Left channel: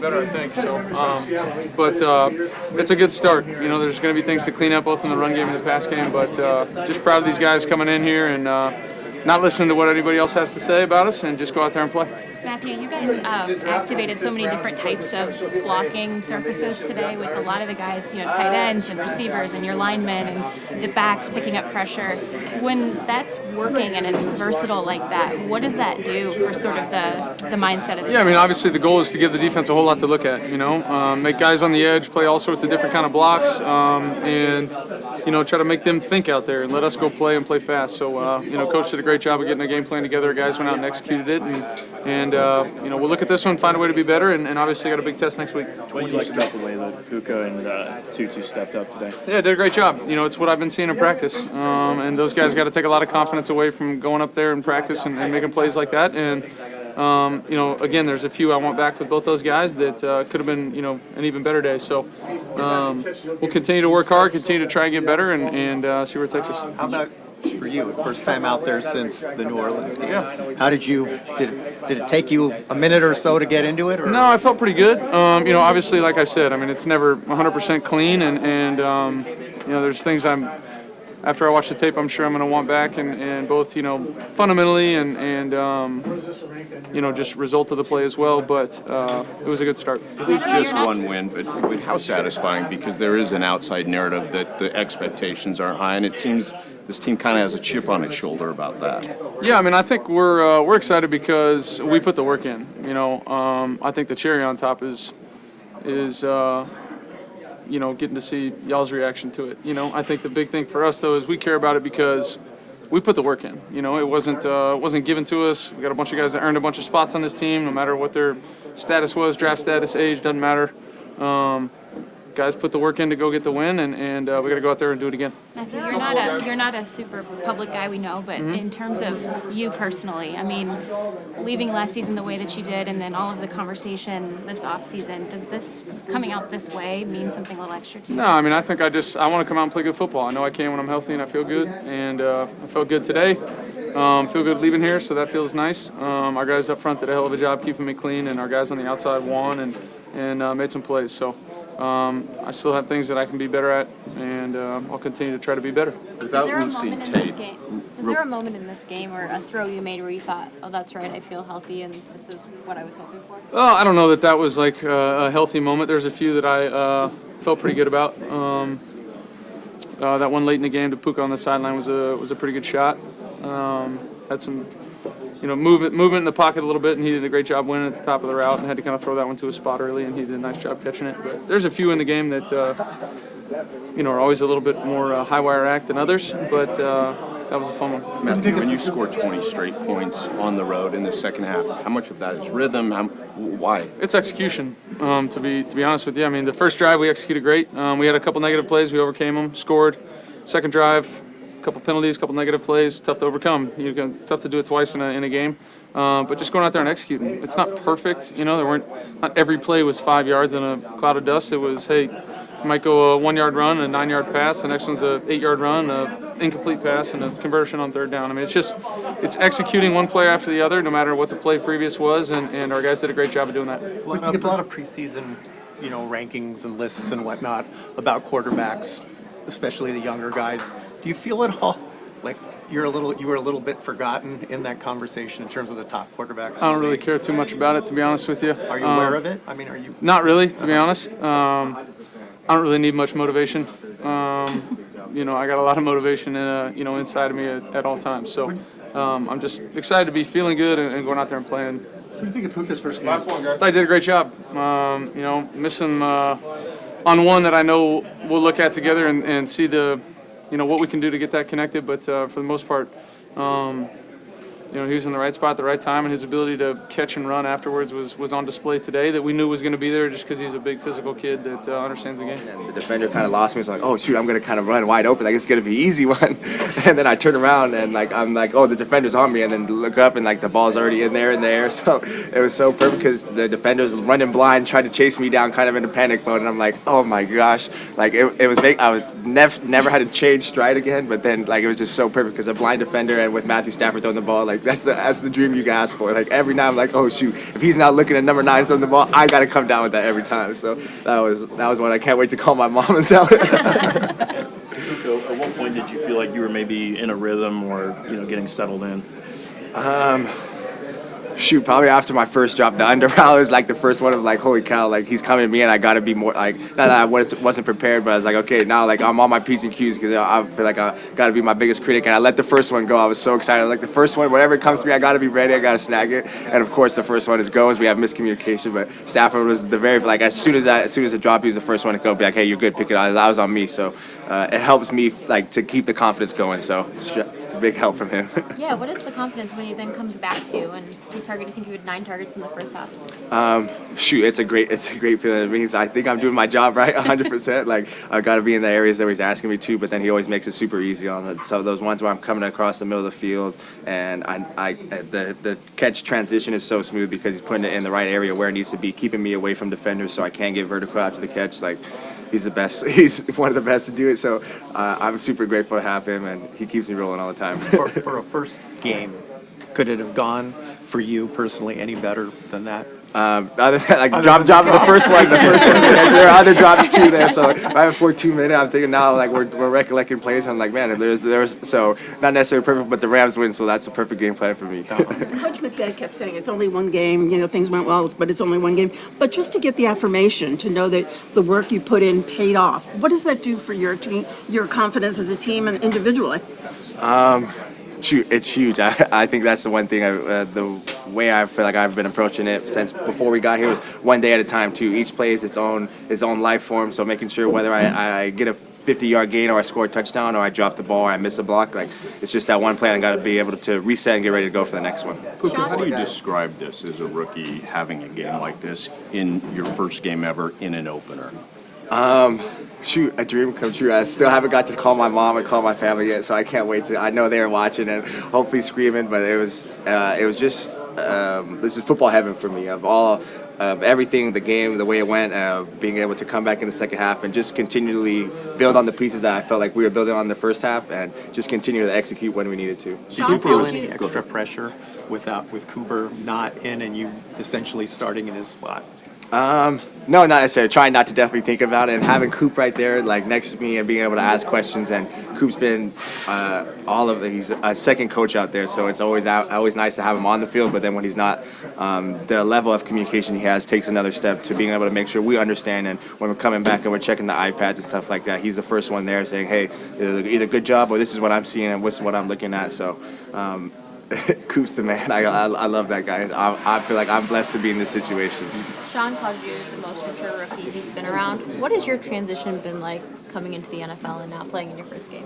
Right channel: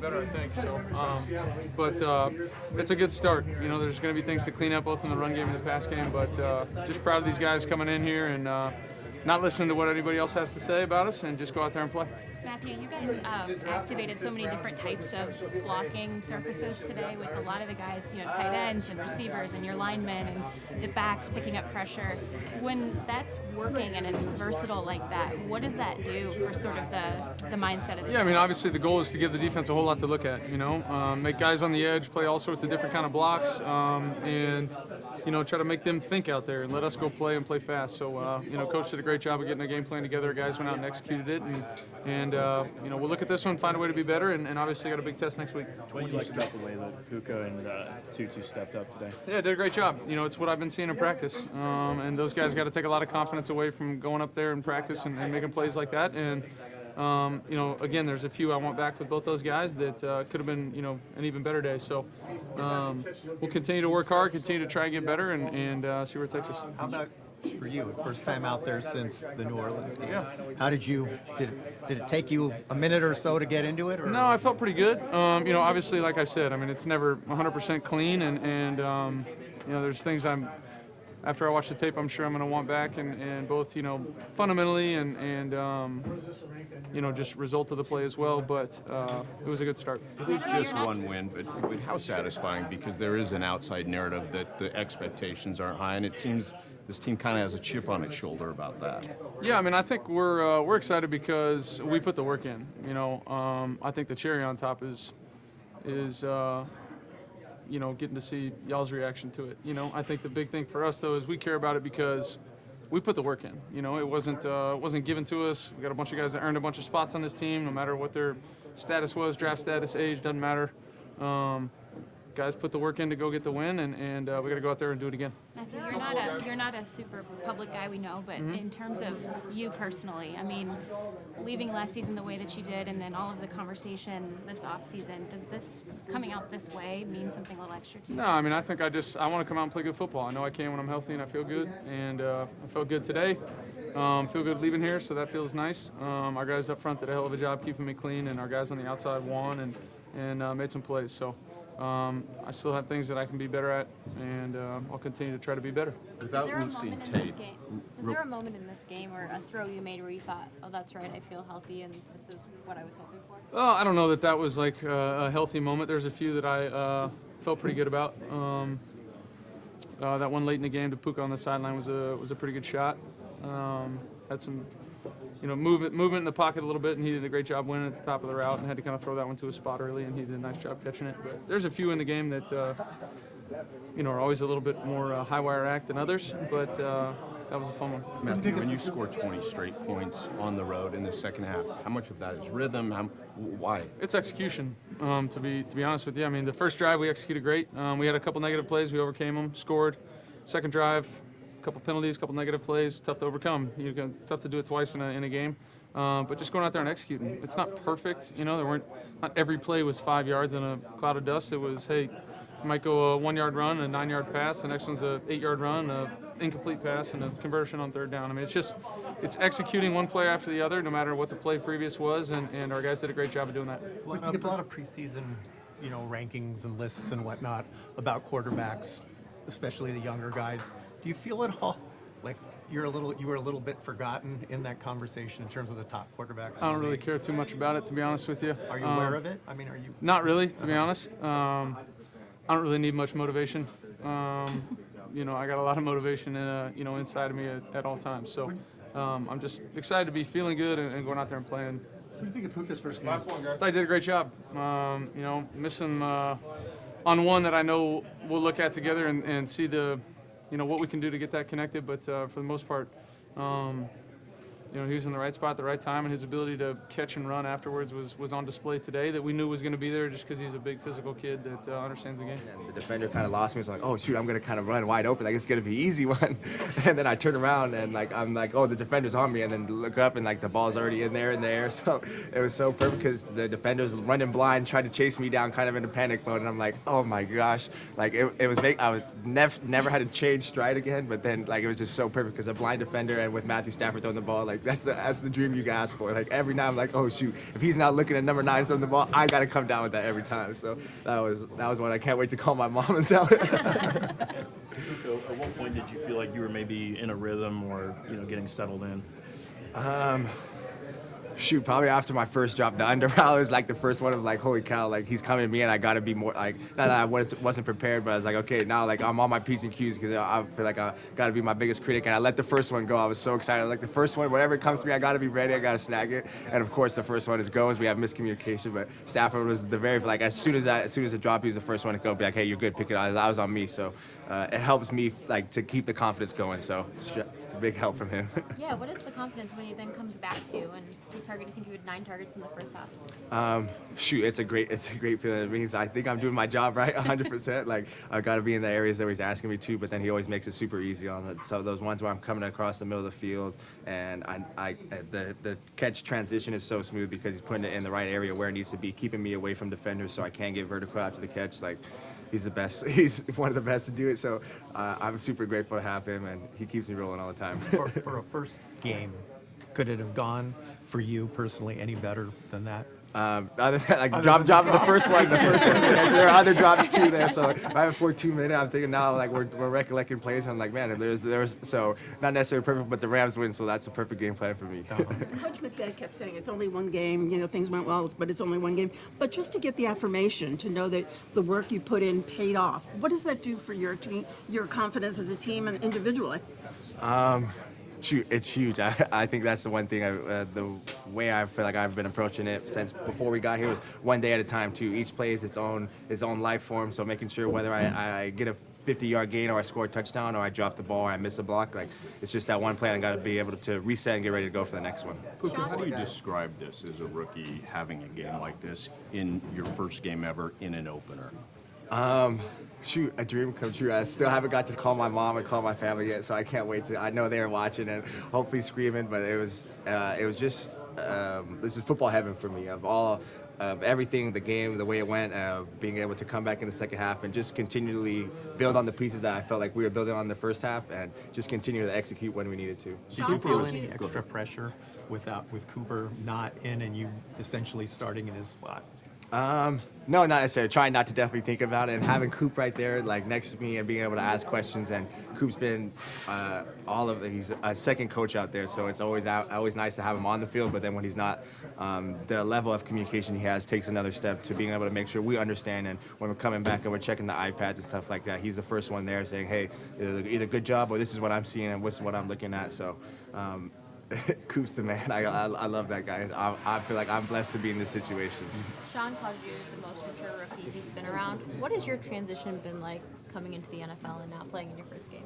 getting better, I think. So, but it's a good start. You know, there's going to be things to clean up both in the run game and the pass game. But just proud of these guys coming in here and not listening to what anybody else has to say about us, and just go out there and play. Matthew, you guys activated so many different types of blocking surfaces today with a lot of the guys, you know, tight ends and receivers and your linemen and the backs picking up pressure. When that's working and it's versatile like that, what does that do for sort of the mindset of this? Yeah, I mean, obviously the goal is to give the defense a whole lot to look at, you know, make guys on the edge play all sorts of different kind of blocks, and, you know, try to make them think out there and let us go play and play fast. So, you know, Coach did a great job of getting a game plan together. Guys went out and executed it, and you know, we'll look at this one, find a way to be better, and obviously got a big test next week. What do you like about the way that Puka and Tutu stepped up today? Yeah, did a great job. You know, it's what I've been seeing in practice, and those guys got to take a lot of confidence away from going up there in practice and making plays like that. And you know, again, there's a few I want back with both those guys that could have been, you know, an even better day. So we'll continue to work hard, continue to try and get better, and see where it takes us. How about for you, first time out there since the New Orleans game? Yeah. How did it take you a minute or so to get into it? Or? No, I felt pretty good. You know, obviously, like I said, I mean, it's never 100% clean, and you know, there's things after I watch the tape, I'm sure I'm going to want back, and both, you know, fundamentally and you know, just result of the play as well. But it was a good start. It was just one win, but how satisfying, because there is an outside narrative that the expectations aren't high, and it seems this team kind of has a chip on its shoulder about that. Yeah, I mean, I think we're excited because we put the work in. You know, I think the cherry on top is you know, getting to see y'all's reaction to it. You know, I think the big thing for us though is we care about it because we put the work in. You know, it wasn't given to us. We got a bunch of guys that earned a bunch of spots on this team, no matter what their status was, draft status, age, doesn't matter. Guys put the work in to go get the win, and we got to go out there and do it again. Matthew, you're not a super public guy, we know, but in terms of you personally, I mean, leaving last season the way that you did, and then all of the conversation this offseason, does this coming out this way mean something a little extra to you? No, I mean, I think I want to come out and play good football. I know I can when I'm healthy and I feel good, and I felt good today. Feel good leaving here, so that feels nice. Our guys up front did a hell of a job keeping me clean, and our guys on the outside won and made some plays. So I still have things that I can be better at, and I'll continue to try to be better. Without losing tape. Was there a moment in this game or a throw you made where you thought, oh, that's right, I feel healthy and this is what I was hoping for? Well, I don't know that was like a healthy moment. There's a few that I felt pretty good about. That one late in the game to Puka on the sideline was a pretty good shot. Had some, you know, movement in the pocket a little bit, and he did a great job winning at the top of the route, and had to kind of throw that one to a spot early, and he did a nice job catching it. But there's a few in the game that you know, are always a little bit more high wire act than others, but that was a fun one. Matthew, when you score 20 straight points on the road in the second half, how much of that is rhythm? Why? It's execution. To be honest with you, I mean, the first drive we executed great. We had a couple negative plays, we overcame them, scored. Second drive, a couple penalties, a couple negative plays, tough to overcome. Tough to do it twice in a game. But just going out there and executing. It's not perfect, you know. Not every play was 5 yards in a cloud of dust. It was, hey, you might go a 1 yard run, a 9 yard pass. The next one's a 8 yard run, a incomplete pass, and a conversion on third down. I mean, it's executing one play after the other, no matter what the play previous was, and our guys did a great job of doing that. We get a lot of preseason, you know, rankings and lists and whatnot about quarterbacks, especially the younger guys. Do you feel at all like you were a little bit forgotten in that conversation in terms of the top quarterbacks? I don't really care too much about it, to be honest with you. Are you aware of it? I mean, are you? Not really, to be honest. I don't really need much motivation. You know, I got a lot of motivation, you know, inside of me at all times. So I'm just excited to be feeling good and going out there and playing. What do you think of Puka's first game? Last one, guys. I did a great job. You know, missing on one that I know we'll look at together and see you know, what we can do to get that connected. But for the most part, you know, he was in the right spot at the right time, and his ability to catch and run afterwards was on display today, that we knew was going to be there just because he's a big physical kid that understands the game. And the defender kind of lost me. It's like, oh, shoot, I'm going to kind of run wide open. Like, it's going to be an easy one. And then I turn around, and, like, I'm like, oh, the defender's on me. And then look up, and, like, the ball's already in there. So it was so perfect because the defender's running blind, trying to chase me down kind of in a panic mode. And I'm like, oh, my gosh. Like, I was never had to change stride again. But then, like, it was just so perfect because a blind defender and with Matthew Stafford throwing the ball, like, Like that's the dream you can ask for. Like every night I'm like, oh shoot, if he's not looking at number 9 on the ball, I got to come down with that every time. So that was one I can't wait to call my mom and tell her. So at what point did you feel like you were maybe in a rhythm or getting settled in? Shoot, probably after my first drop, the under route was like the first one of like, holy cow, like he's coming to me and I got to be more like, not that I wasn't prepared, but I was like, okay, now like I'm on my P's and Q's because I feel like I got to be my biggest critic, and I let the first one go. I was so excited. Like the first one, whatever comes to me, I got to be ready. I got to snag it. And of course, the first one is go as we have miscommunication, but Stafford was the very, like as soon as the drop, he was the first one to go, be like, hey, you're good, pick it up. That was on me. So it helps me like to keep the confidence going. So big help from him. Yeah, what is the confidence when he then comes back to you and he targeted, I think you had 9 targets in the first half? Shoot, it's a great feeling. It means I think I'm doing my job right 100%. Like I've got to be in the areas that he's asking me to, but then he always makes it super easy on it. So those ones where I'm coming across the middle of the field and the catch transition is so smooth because he's putting it in the right area where it needs to be, keeping me away from defenders so I can get vertical after the catch. Like he's the best. He's one of the best to do it. So I'm super grateful to have him, and he keeps me rolling all the time. For a first game, could it have gone for you personally any better than that? Other than, like dropping the first one, there are other drops too there. So right before 2 minutes, I'm thinking now like we're recollecting plays. I'm like, man, there's so not necessarily perfect, but the Rams win, so that's a perfect game plan for me. Coach McDad kept saying it's only one game, things went well, but it's only one game. But just to get the affirmation, to know that the work you put in paid off, what does that do for your team, your confidence as a team and individually? Shoot, it's huge. I think that's the one thing. The way I feel like I've been approaching it since before we got here was one day at a time too. Each play is its own life form. So making sure whether I get a 50-yard gain or I score a touchdown or I drop the ball or I miss a block, like it's just that one play. I got to be able to reset and get ready to go for the next one. Puka, how do you describe this as a rookie having a game like this in your first game ever in an opener? Shoot, a dream come true. I still haven't got to call my mom and call my family yet, so I can't wait to. I know they're watching and hopefully screaming, but it was just this is football heaven for me. Of everything, the game, the way it went, being able to come back in the second half and just continually build on the pieces that I felt like we were building on the first half, and just continue to execute when we needed to. Did you feel any extra pressure with Cooper not in and you essentially starting in his spot? No, not necessarily. Trying not to definitely think about it, and having Coop right there, like next to me, and being able to ask questions. And Coop's been he's a second coach out there, so it's always nice to have him on the field. But then when he's not, the level of communication he has takes another step to being able to make sure we understand. And when we're coming back and we're checking the iPads and stuff like that, he's the first one there saying, "Hey, either good job or this is what I'm seeing and this is what I'm looking at." So. Coop's the man. I love that guy. I feel like I'm blessed to be in this situation. Sean called you the most mature rookie he's been around. What has your transition been like coming into the NFL and now playing in your first game?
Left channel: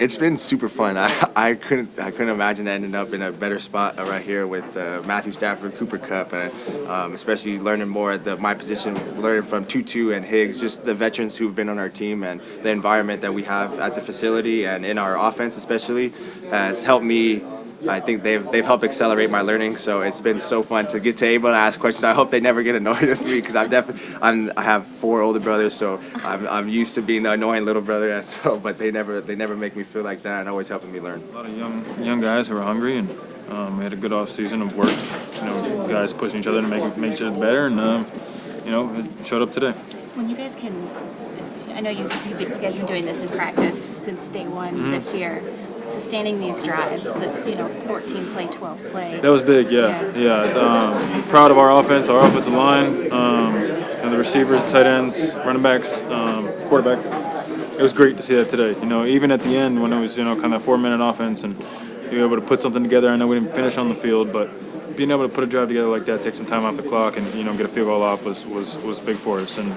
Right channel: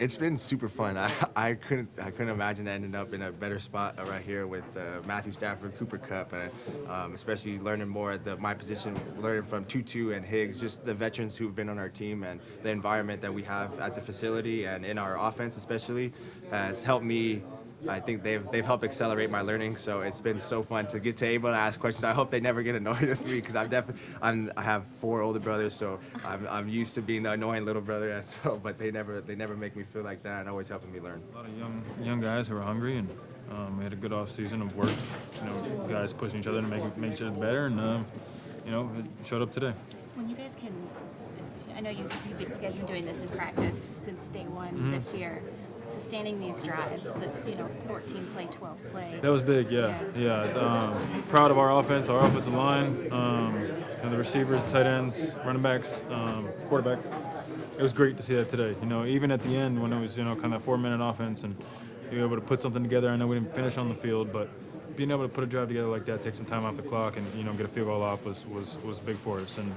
It's been super fun. I couldn't imagine ending up in a better spot right here with Matthew Stafford, Cooper Kupp, and especially learning more at my position, learning from Tutu and Higgs, just the veterans who've been on our team, and the environment that we have at the facility and in our offense especially has helped me. I think they've helped accelerate my learning, so it's been so fun to get able to ask questions. I hope they never get annoyed with me because I have 4 older brothers, so I'm used to being the annoying little brother. And so, but they never make me feel like that, and always helping me learn. A lot of young guys who are hungry, and we had a good off season of work. Guys pushing each other to make each other better, and it showed up today. When you guys can, I know you guys have been doing this in practice since day one this year. Sustaining these drives, this 14 play, 12 play. That was big, yeah. Proud of our offense, our offensive line, and the receivers, tight ends, running backs, quarterback. It was great to see that today. Even at the end when it was kind of 4-minute offense and you were able to put something together. I know we didn't finish on the field, but being able to put a drive together like that, take some time off the clock, and get a field goal off was big for us. And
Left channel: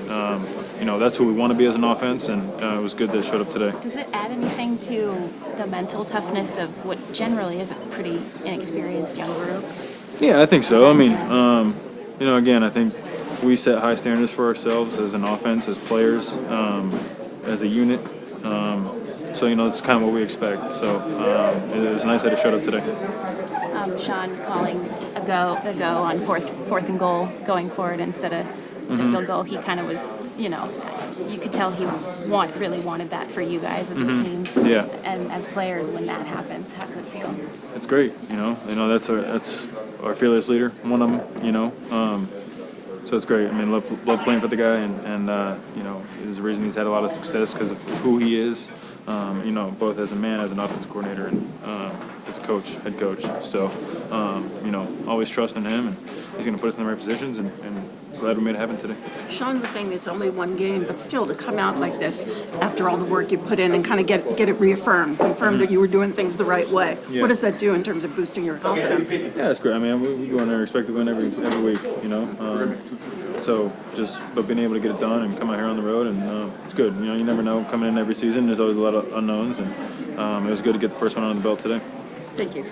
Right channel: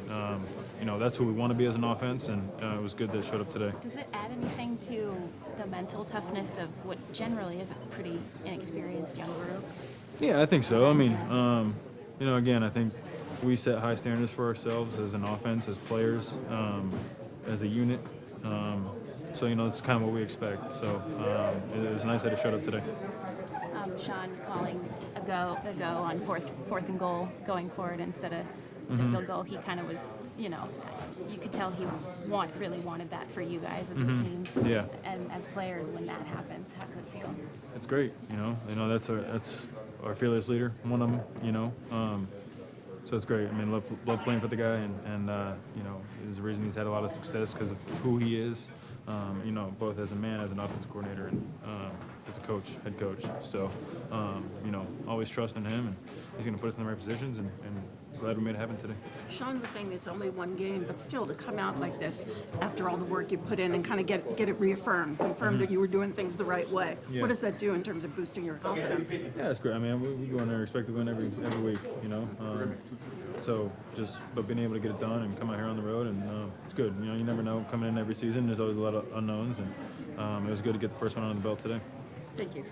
that's who we want to be as an offense, and it was good that it showed up today. Does it add anything to the mental toughness of what generally is a pretty inexperienced young group? Yeah, I think so. I mean, again, I think we set high standards for ourselves as an offense, as players, as a unit. So it's kind of what we expect. So it was nice that it showed up today. Sean calling a a go on fourth and goal going forward instead of the field goal. He kind of was, you could tell he really wanted that for you guys as a team. Yeah. And as players, when that happens, how does it feel? It's great, that's our fearless leader, one of them, so it's great. I mean, love playing for the guy, and there's a reason he's had a lot of success because of who he is, both as a man, as an offensive coordinator, and as a coach, head coach. So, always trust in him, and he's going to put us in the right positions, and glad we made it happen today. Sean was saying it's only one game, but still to come out like this after all the work you put in and kind of get it reaffirmed, confirm that you were doing things the right way. Yeah. What does that do in terms of boosting your confidence? Yeah, it's great. I mean, we go in there expect to win every week, but being able to get it done and come out here on the road, and it's good. You never know coming in every season. There's always a lot of unknowns, and it was good to get the first one on the belt today. Thank you.